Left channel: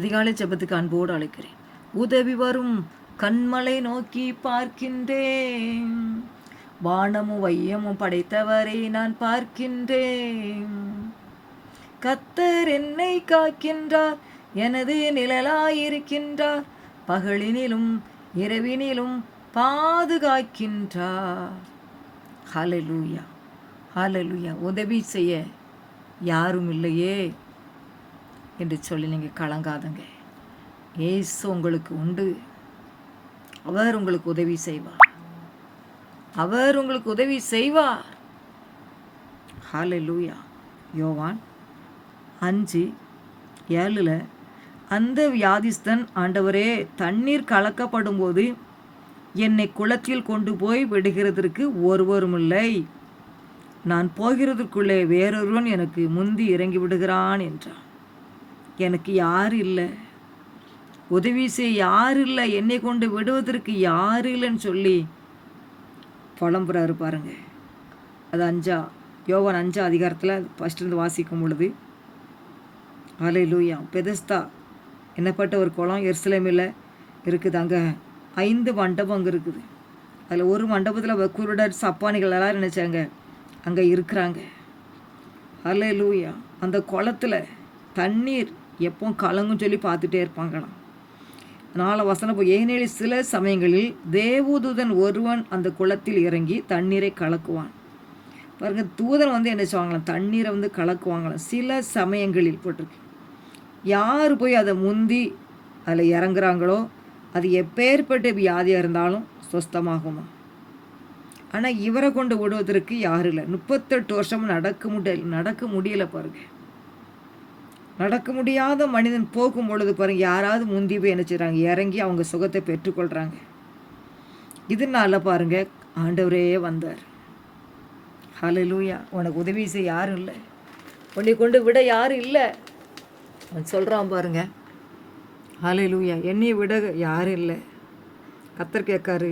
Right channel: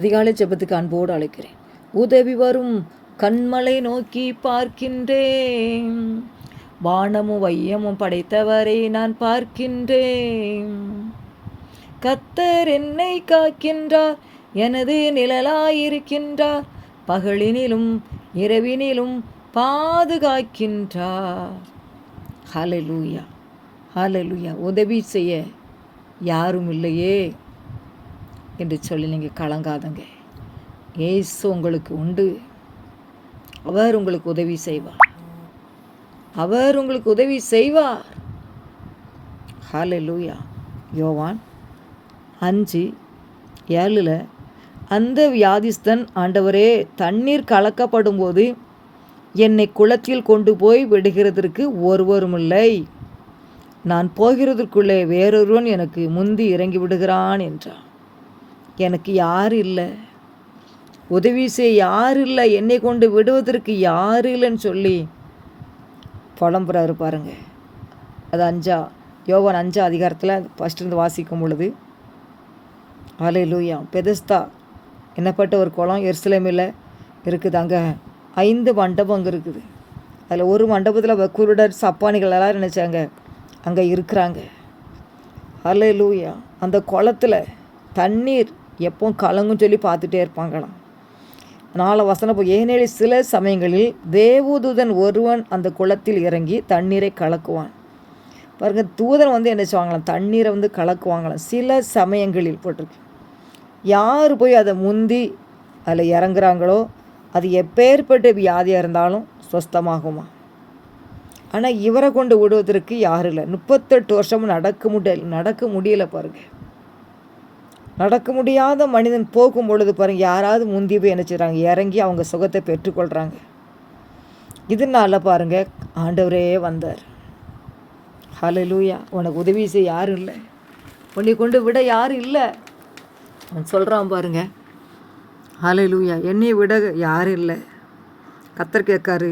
அதிகாலை ஜெபத்துக்கு அன்போடு அழைக்கிறேன். உதவி வரும் கண்மலை நோக்கி பார்க்கின்றேன், வானமும் வையமும் படைத்தவரை நான் பார்க்கின்றேன். கர்த்தர் என்னை காக்கின்றார், எனது நிழலாயிருக்கின்றார், பகலினிலும் இரவினிலும் பாதுகாக்கின்றார். ஹல்லேலூயா, ஹல்லேலூயா. உதவி செய்ய யாரும் இல்லையே என்று சொல்லி நீங்கள் கலங்காதங்க. இயேசு உங்களுக்கு உண்டு. அவர் உங்களுக்கு உதவி செய்வார். அவர் உங்களுக்கு உதவி செய்வார். ஹல்லேலூயா. யோவான் 5:7 அந்த வியாதிஸ்தன், ஆண்டவரே, தண்ணீர் கலக்கப்படும் போது என்னை குளத்தில் கொண்டு போய் விடுகிறதற்கு ஒருவரும் இல்லை, நான் போகிறதற்குள்ளே வேறொருவன் எனக்கு முந்தி இறங்கி விடுகிறான் என்றான். எனக்கு யார் இல்லை, உதவி செய்ய யார் இல்லை, என்னை கொண்டு விடுவதற்கு யார் இல்லைன்னு சொல்லி புலம்புறாரு பாருங்க. அது யோவான் 5 அதிகாரத்தில் ஃபஸ்ட்டிருந்து வாசிக்கும் பொழுது, ஹல்லேலூயா. பெதஸ்தா என்னப்பட்ட ஒரு குளம் எருசலேமில் இருக்குது. அங்கே 5 மண்டபம் அங்கே இருக்குது. அதில் ஒரு மண்டபத்தில் குருடர் சப்பானிகள் எல்லாம் நினச்சாங்க அங்கே இருக்கிறாங்க. ஹல்லேலூயா. அந்த குளத்தில் தண்ணீர் எப்போ கலங்குன்னு சொல்லி பார்த்துட்டே இருப்பாங்களாம். 4 வசனம் ஏனெனில் சில சமயங்களில் தேவதூதன் ஒருவன் அந்த குளத்தில் இறங்கி தண்ணீரை கலக்குவான். பாருங்க, தூதன் என்ன செய்வாங்களாம், தண்ணீரை கலக்குவாங்களாம். சில சமயங்களில் போட்டிருக்கு. யார் போய் அதை முந்தி அதில் இறங்குறாங்களோ அது எப்பேற்பட்ட வியாதியாக இருந்தாலும் சுஸ்தமாகுமா. ஆனால் இவரை கொண்டு விடுவதற்கு யாரும் இல்லை. 38 வருஷமும் நடக்க முடியல பாருங்க. நடக்க முடியாத மனிதன் போகும் பொழுது பாருங்கள், யாராவது முந்தி போய் என்ன செய்கிறாங்க, இறங்கி அவங்க சுகத்தை பெற்றுக்கொள்கிறாங்க. இதனால பாருங்கள், ஆண்டவரே வந்தார். ஹல்லேலூயா. உனக்கு உதவி செய்ய யாரும் இல்லை, உன்னை கொண்டு விட யாரும் இல்லை. அவன் சொல்கிறான் பாருங்க. ஹல்லேலூயா. என்னை விட யாரும் இல்லை. கர்த்தர் கேட்காரு,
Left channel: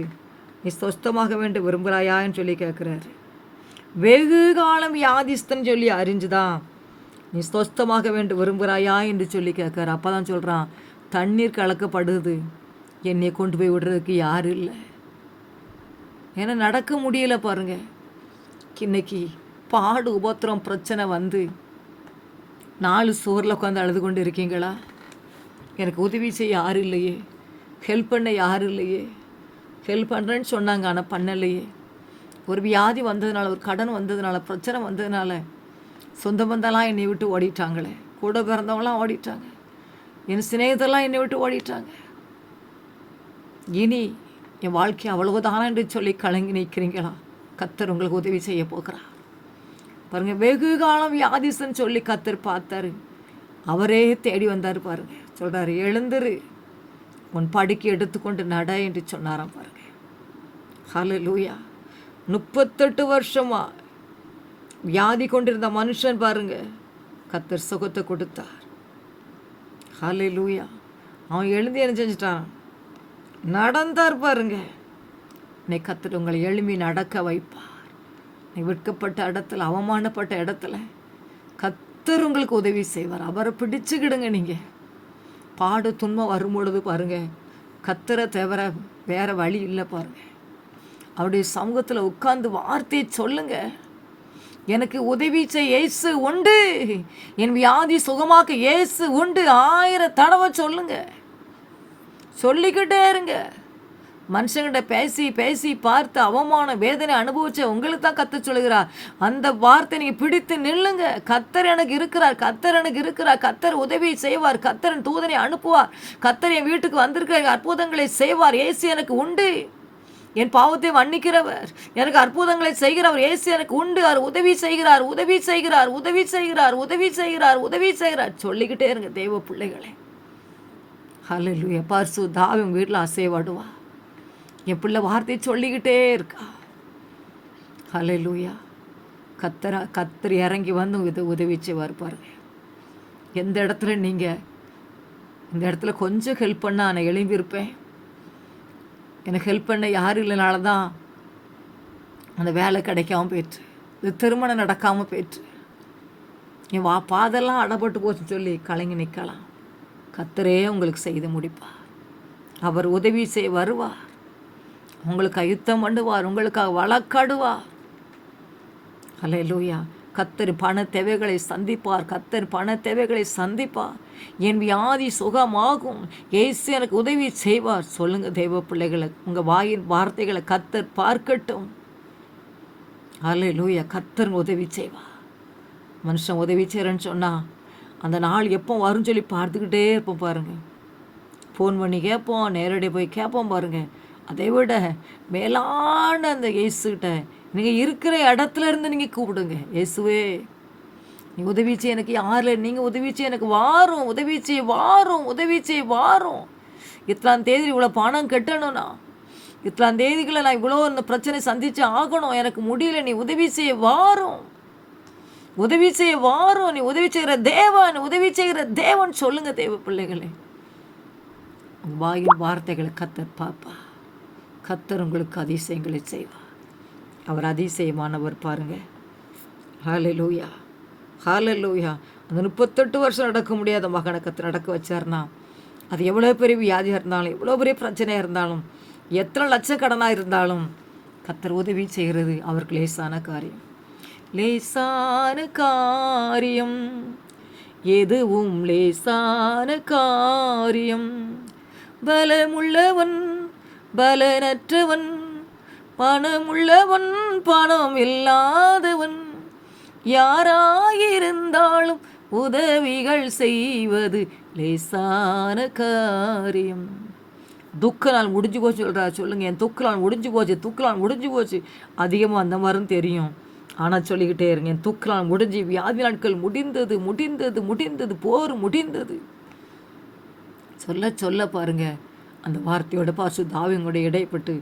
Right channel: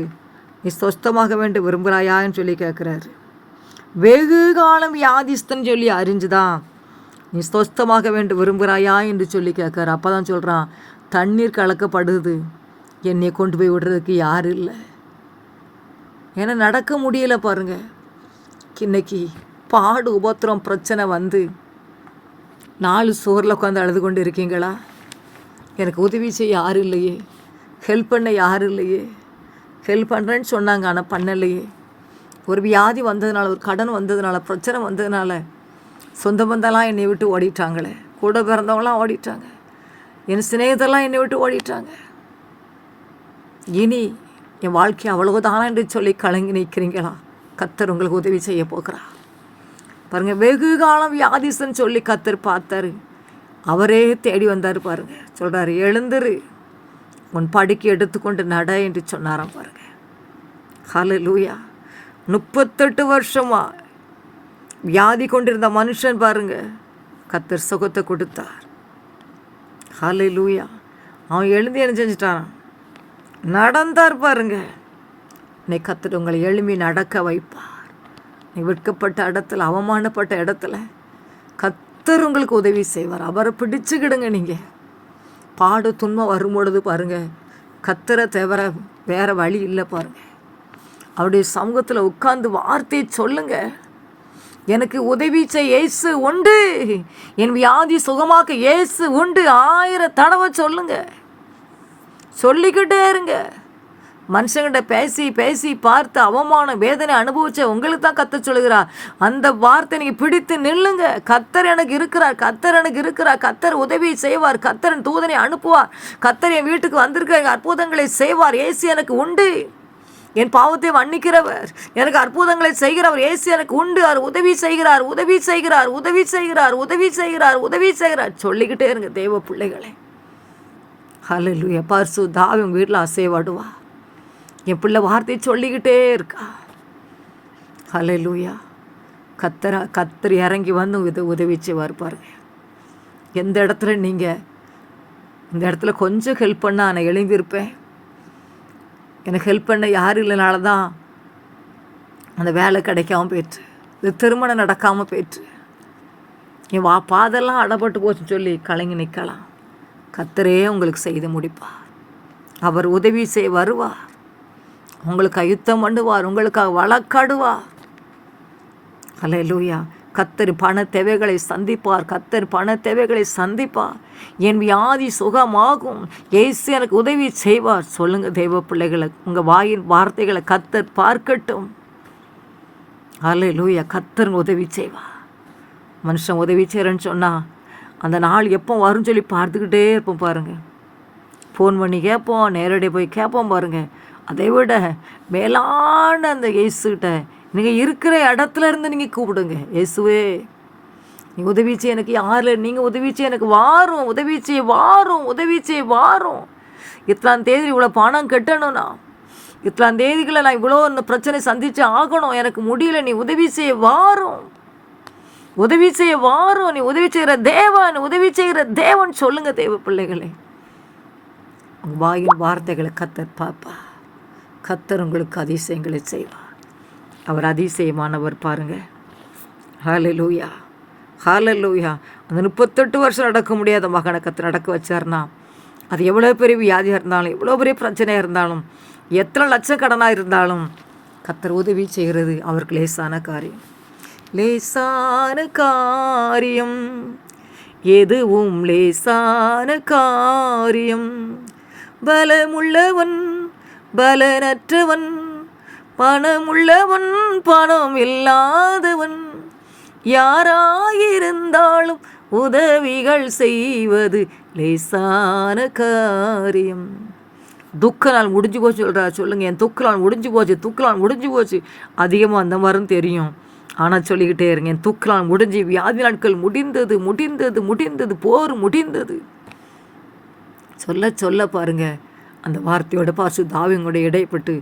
நீ சொஸ்தமாக வேண்டும் விரும்புகிறாயான்னு சொல்லி கேட்குறாரு. வெகு காலம் வியாதிஸ்தன் சொல்லி அறிஞ்சுதான் நீ சொஸ்தமாக வேண்டும் விரும்புகிறாயா என்று சொல்லி கேட்குறாரு. அப்போ தான் சொல்கிறான், தண்ணீர் கலக்கப்படுது, என்னை கொண்டு போய் விடுறதுக்கு யாரும் இல்லை. ஏன்னா நடக்க முடியல பாருங்க. இன்னைக்கு பாடு உபத்திரம் பிரச்சனை 4 சுவரில் உட்காந்து அழுது கொண்டு இருக்கீங்களா? எனக்கு உதவி செய்ய யாரும் இல்லையே, ஹெல்ப் பண்ண யாரும் இல்லையே. ஹெல்ப் பண்ணுறேன்னு சொன்னாங்க, ஆனால் பண்ணலையே. ஒரு வியாதி வந்ததுனால, ஒரு கடன் வந்ததுனால, பிரச்சனை வந்ததுனால சொந்த பந்தெல்லாம் என்னை விட்டு ஓடிட்டாங்களே, கூட பிறந்தவங்களாம் ஓடிட்டாங்க, என் சிநேகிதெல்லாம் என்னை விட்டு ஓடிட்டாங்க. இனி என் வாழ்க்கை அவ்வளவுதானா என்று சொல்லி கலங்கி நிற்கிறீங்களா? கர்த்தர் உங்களுக்கு உதவி செய்ய போகிறா பாருங்கள். வெகு காலம் வியாதிசன்னு சொல்லி கர்த்தர் பார்த்தாரு, அவரே தேடி வந்தார் பாருங்க. சொல்கிறாரு, எழுந்துரு, உன் படுக்கை எடுத்துக்கொண்டு நட என்று சொன்னாராம் பாருங்க. ஹல்லேலூயா. 38 வருஷமா வியாதி கொண்டிருந்த மனுஷன் பாருங்க, கர்த்தர் சுகத்தை கொடுத்தார். ஹல்லேலூயா. அவன் எழுந்து என்ன செஞ்சிட்டான், நடந்தார் பாருங்க. இன்னைக்கு கர்த்தர் உங்களை எழும்பி நடக்க வைப்பார். நீ விற்கப்பட்ட இடத்துல, அவமானப்பட்ட இடத்துல கர்த்தர் உங்களுக்கு உதவி செய்வார். அவரை பிடிச்சுக்கிடுங்க. நீங்கள் பாடு துன்பம் வரும்பொழுது பாருங்கள், கர்த்தரை தவிர வேறு வழி இல்லை பாருங்கள். அவருடைய சமூகத்தில் உட்கார்ந்து வார்த்தையை சொல்லுங்க. எனக்கு உதவி செய்ய இயேசு உண்டு, என் வியாதி சுகமாக்க இயேசு உண்டு 1000 தடவை சொல்லுங்க. சொல்லிக்கிட்டே இருங்க. மனுஷங்கிட்ட பேசி பேசி பார்த்து அவமான வேதனை அனுபவிச்ச உங்களுக்கு தான் கர்த்தர் சொல்லுகிறார். அந்த வார்த்தை நீங்கள் பிடித்து நில்லுங்க. கர்த்தர் எனக்கு இருக்கிறார், கர்த்தர் எனக்கு இருக்கிறார், கர்த்தர் உதவி செய்வார், கர்த்தர் தூதனை அனுப்புவார், கர்த்தர் என் வீட்டுக்கு வந்திருக்கிற அற்புதங்களை செய்வார். இயேசு எனக்கு உண்டு, என் பாவத்தை மன்னிக்கிறவர், எனக்கு அற்புதங்களை செய்கிறவர் இயேசு எனக்கு உண்டு. அவர் உதவி செய்கிறார், உதவி செய்கிறார், உதவி செய்கிறார், உதவி செய்கிறார், உதவி செய்கிறார். சொல்லிக்கிட்டே இருங்க தேவ பிள்ளைகளை. ஹல்லேலூயா. பரிசுத்த ஆவி உங்கள் வீட்டில் அசைவாடுவா. என் பிள்ளை வார்த்தையை சொல்லிக்கிட்டே இருக்கா. ஹல்லேலூயா. கர்த்தர் இறங்கி வந்து உதவி செய்வார் பாருங்க. எந்த இடத்துல நீங்கள் இந்த இடத்துல கொஞ்சம் ஹெல்ப் பண்ணால் நான் எழும்பியிருப்பேன். எனக்கு ஹெல்ப் பண்ண யாரும் இல்லைனால தான் அந்த வேலை கிடைக்காமல் போயிட்டு, இந்த திருமணம் நடக்காமல் போயிட்டு, என் பாதெல்லாம் அடப்பட்டு போச்சுன்னு சொல்லி கலங்கி நிற்கலாம். கர்த்தரே உங்களுக்கு செய்து முடிப்பார். அவர் உதவி செய்ய வருவார். உங்களுக்கு யுத்தம் பண்ணுவார். உங்களுக்காக வழக்காடுவார். அல்லேலூயா. கர்த்தர் பண தேவைகளை சந்திப்பார். கர்த்தர் பண தேவைகளை சந்திப்பார். என் வியாதி சுகமாகும். இயேசு எனக்கு உதவி செய்வார். சொல்லுங்க தெய்வ பிள்ளைகளை, உங்கள் வாயின் வார்த்தைகளை கர்த்தர் பார்க்கட்டும். அல்லேலூயா. கர்த்தர் உதவி செய்வார். மனுஷன் உதவி செய்கிறேன்னு சொன்னால் அந்த நாள் எப்போ வரும்னு சொல்லி பார்த்துக்கிட்டே இருப்போம் பாருங்கள். ஃபோன் பண்ணி கேட்போம், நேரடியாக போய் கேட்போம் பாருங்கள். அதை விட மேலான அந்த இயேசுகிட்ட நீங்கள் இருக்கிற இடத்துல இருந்து நீங்கள் கூப்பிடுங்க. இயேசுவே, நீ உதவி செய்ய எனக்கு யாரில், நீங்கள் உதவி செய்ய எனக்கு வாரும், உதவி செய்ய வாரும், உதவி செய்ய வாரும். இத்தனாம் தேதி இவ்வளோ பணம் கட்டணும்னா, இத்தனாம் தேதிகளை நான் இவ்வளோ இந்த பிரச்சனை சந்தித்து ஆகணும், எனக்கு முடியல, நீ உதவி செய்ய வாரும், உதவி செய்ய வாரும். நீ உதவி செய்கிற தேவன், உதவி செய்கிற தேவன். சொல்லுங்க தேவ பிள்ளைகளை, உங்கள் வாயின் வார்த்தைகளை கர்த்தர் பாப்பா. கர்த்தர் உங்களுக்கு அதிசயங்களை செய்வார். அவர் அதிசயமானவர் பாருங்கள். ஹல்லேலூயா, ஹல்லேலூயா. அந்த 38 வருஷம் நடக்க முடியாத மகனை கர்த்தர் நடக்க வச்சார்னா, அது எவ்வளோ பெரிய வியாதியாக இருந்தாலும், எவ்வளோ பெரிய பிரச்சனையாக இருந்தாலும், எத்தனை லட்சக்கடனாக இருந்தாலும் கர்த்தர் உதவி செய்கிறது அவருக்கு லேசான காரியம். லேசான காரியம், எதுவும் லேசான காரியம். பலமுள்ளவன் பலனற்றவன், பணமுள்ளவன் பணம் இல்லாதவன், யாராயிருந்தாலும் உதவிகள் செய்வது லேசான காரியம். துக்க நாள் முடிஞ்சு போச்சு சொல்கிறா. சொல்லுங்கள், என் துக்க நாள் முடிஞ்சு போச்சு, துக்க நாள் முடிஞ்சு போச்சு. அதிகமாக அந்த மாதிரியும் தெரியும். ஆனால் சொல்லிக்கிட்டே இருங்க, என் துக்க நாள் முடிஞ்சு, வியாதி நாட்கள் முடிந்தது, முடிந்தது, முடிந்தது, போர் முடிந்தது. சொல்ல சொல்ல பாருங்கள், அந்த வார்த்தையோட பரிசுத்த ஆவியோட இடைப்பட்டு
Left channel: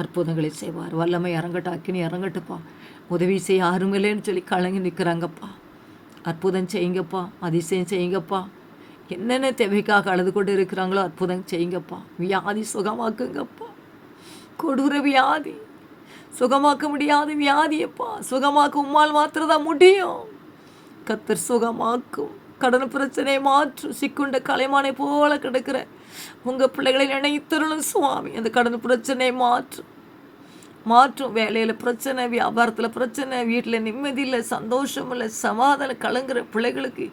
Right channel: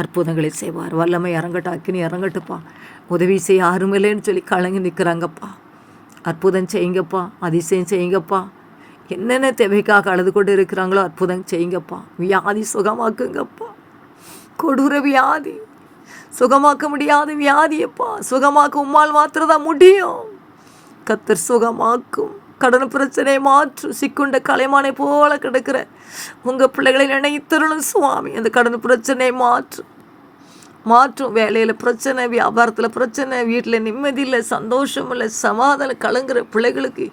அற்புதங்களை செய்வார். வல்லமை இறங்கட்டும், அக்கினி இறங்கட்டுப்பா. உதவி செய்ய யாரும் இல்லைன்னு சொல்லி கலங்கி நிற்கிறாங்கப்பா. அற்புதம் செய்யுங்கப்பா, அதிசயம் செய்யுங்கப்பா. என்னென்ன தேவைக்காக அழுது கொண்டு இருக்கிறாங்களோ அற்புதம் செய்யுங்கப்பா. வியாதி சுகமாக்குங்கப்பா. கொடூர வியாதி, சுகமாக்க முடியாத வியாதியப்பா, சுகமாக்க உம்மால் மாத்திரதான் முடியும். கர்த்தர் சுகமாக்கும். கடன் பிரச்சனை மாற்றும். சிக்குண்ட கலைமானை போல கிடக்கிற உங்கள் பிள்ளைகளை நினைத்தருளும் சுவாமி. அந்த கடன் பிரச்சனை மாற்றும். வேலையில் பிரச்சனை, வியாபாரத்தில் பிரச்சனை, வீட்டில் நிம்மதி இல்லை, சந்தோஷம் இல்லை, சமாதானம் கலங்குற பிள்ளைகளுக்கு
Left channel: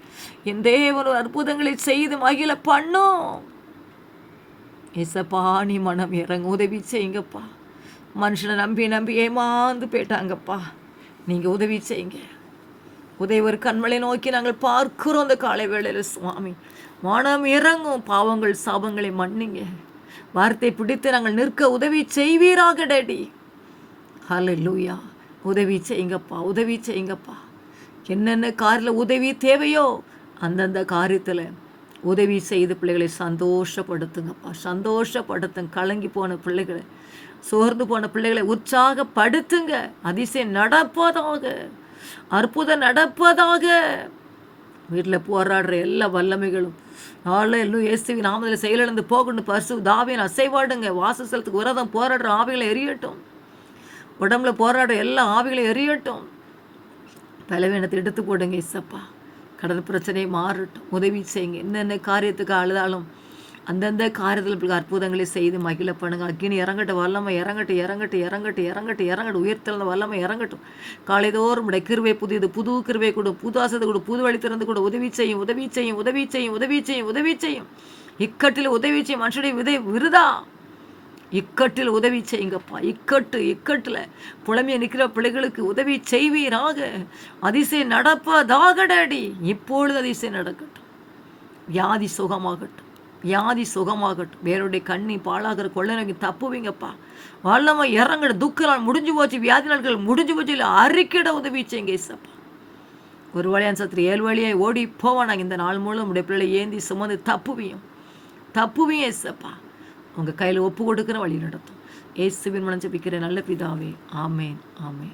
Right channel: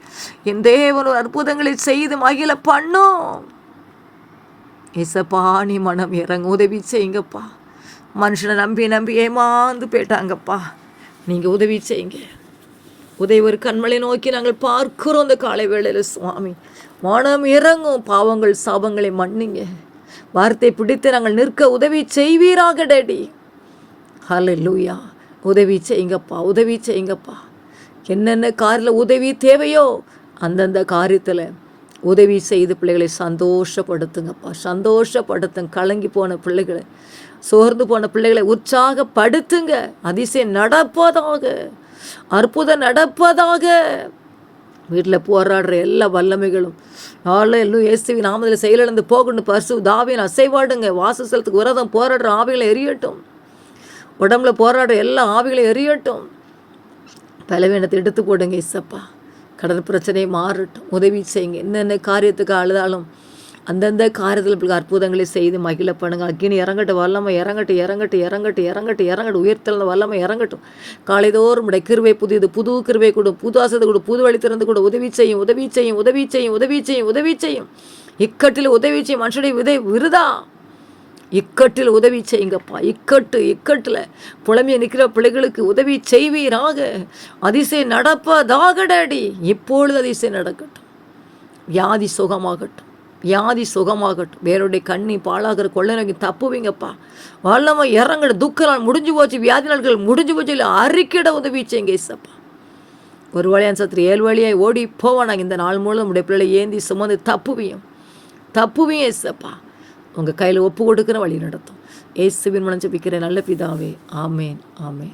என் தேவன் ஒரு அற்புதங்களை செய்து மகிழ பண்ணும். ஏசப்பா, நீ மனம் இறங்க உதவி செய்யுங்கப்பா. மனுஷனை நம்பி நம்பி ஏமாந்து போயிட்டாங்கப்பா. நீங்கள் உதவி செய்யுங்க. உதவி ஒரு கண்மலை நோக்கி நாங்கள் பார்க்கிறோம் அந்த காலை வேளையில் சுவாமி. மனம் இறங்கும். பாவங்கள் சாபங்களை மன்னிங்க. வார்த்தை பிடித்து நாங்கள் நிற்க உதவி செய்வீராக டேடி. ஹல்லேலூயா. உதவி செய்யுங்கப்பா, உதவி செய்யுங்கப்பா. என்னென்ன காரில் உதவி தேவையோ அந்தந்த காரியத்தில் உதவி செய்து பிள்ளைகளை சந்தோஷப்படுத்துங்கப்பா, சந்தோஷப்படுத்துங்க. கலங்கி போன பிள்ளைகளை, சோர்ந்து போன பிள்ளைகளை உற்சாகப்படுத்துங்க. அதிசயம் நடப்பதாக, அற்புதம் நடப்பதாக. வீட்டில் போராடுற எல்லா வல்லமைகளும் எல்லாம் இயேசுவின் நாமத்தில் செயலிழந்து போகணும். பரிசுத்த ஆவியின் அசைவாடுங்க. வாசஸ்தலத்துக்கு விரதம் போராடுற ஆவிகளை எரியட்டும். உடம்புல போராடுற எல்லா ஆவிகளை எரியட்டும். பலவீனத்தை எடுத்து போடுங்க இசப்பா. கடல் பிரச்சனையை மாறட்டும். உதவி செய்யுங்க. என்னென்ன காரியத்துக்கு அழுதாலும் அந்தந்த காரியத்தில் அற்புதங்களை செய்து மகிழ பண்ணுங்க. அக்கினி இறங்கட்டும், வல்லமை இறங்கட்டும், இறங்கட்டும், இறங்கட்டும், இறங்கட்டும், இறங்கட்டும். உயர்த்தல வல்லமை இறங்கட்டும். காலைதோறும் உடைய கிருபை புதியது, புது கிருபை கொடு, புது ஆசத்தை கொடு, புது வழி திறந்து கொடு. உதவி செய்யும், உதவி செய்யும், உதவி செய்யும், உதவி செய்யும், உதவி செய்யும். இக்கட்டில் உதவி செய்யும். மனுஷனுடைய விதை விருதா. இக்கட்டில் உதவி செய்யுங்கப்பா. இக்கட்டில் புலமையை நிற்கிற பிள்ளைகளுக்கு உதவி செய்வீராக. அதிசயம் நடப்பதாக டாடி. இப்பொழுது அதிசயம் நடக்கட்டும். வியாதி சுகமாகட்டும், வியாதி சுகமாகட்டும். வேறுடைய கண்ணி பாழாகிற கொள்ளை நோக்கி தப்புவீங்கப்பா. வல்லமை இறங்கட. துக்க நாள் முடிஞ்சு போச்சு, வியாதி நாட்கள் முடிஞ்சு போச்சு. இல்லை அறிக்கிட உதவி செய்யுங்க இசப்பா. ஒரு வழியான் சத்துரு 7 வழியாய் ஓடி போவானாங்க. இந்த நாள் மூலம் உடைய பிள்ளை ஏந்தி சுமந்து தப்புவியும் இசப்பா. உங்கள் கையில் ஒப்பு கொடுக்குற வழி நடத்தும். இயேசுவின் மூலம் ஜெபிக்கிற நல்ல பிதாவே, ஆமேன், ஆமேன்.